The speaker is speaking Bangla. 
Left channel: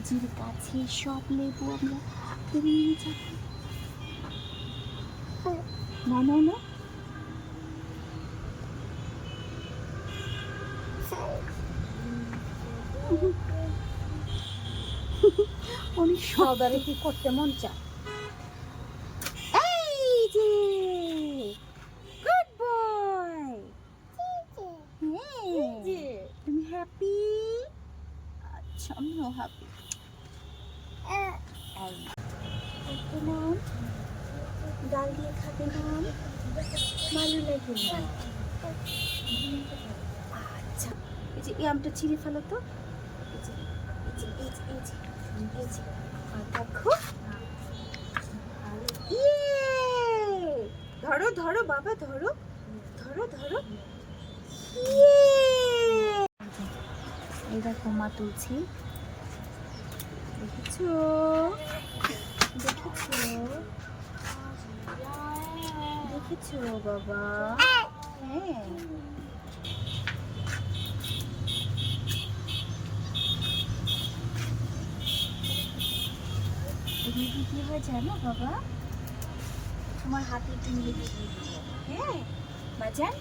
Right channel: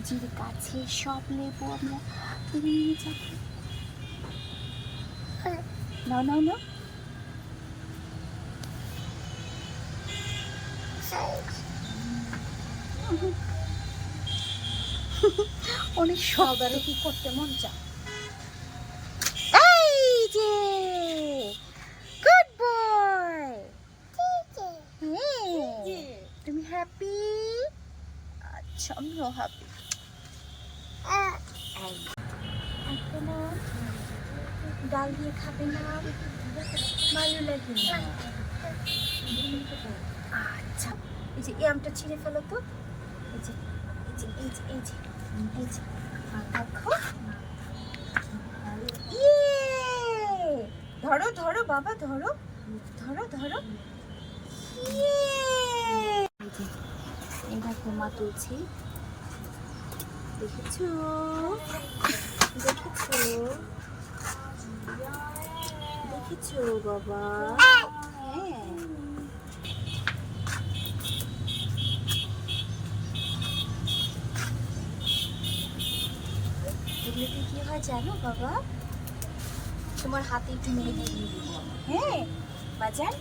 নদীর কাছে সব লেবু আমরা পেরে নিয়ে যাব। নাও নাও নাও। অনেক সকালে কি করতে মন চায়। এই যে গুড বয়। তুমি হ্যাপি? আচ্ছা আমিও হ্যাপি। ডাল দিয়ে খাবে না? ভালো লাগে না? আচ্ছা এই যে এই আমটা ছিঁড়ে ফেলো তো। এই যে এই যে এই যে এই যে এই যে দেখো। ধরো ধরো বাবা ধরো ধরো ধরো। এই দেখো মা তুলছি, দেখেছো দেখেছো দেখেছো বাবা? হ্যাঁ এগুলোতে কি হয় জানো বাবা? তোমার হাতে একটু মেখে দিই। হ্যাঁ বাজান।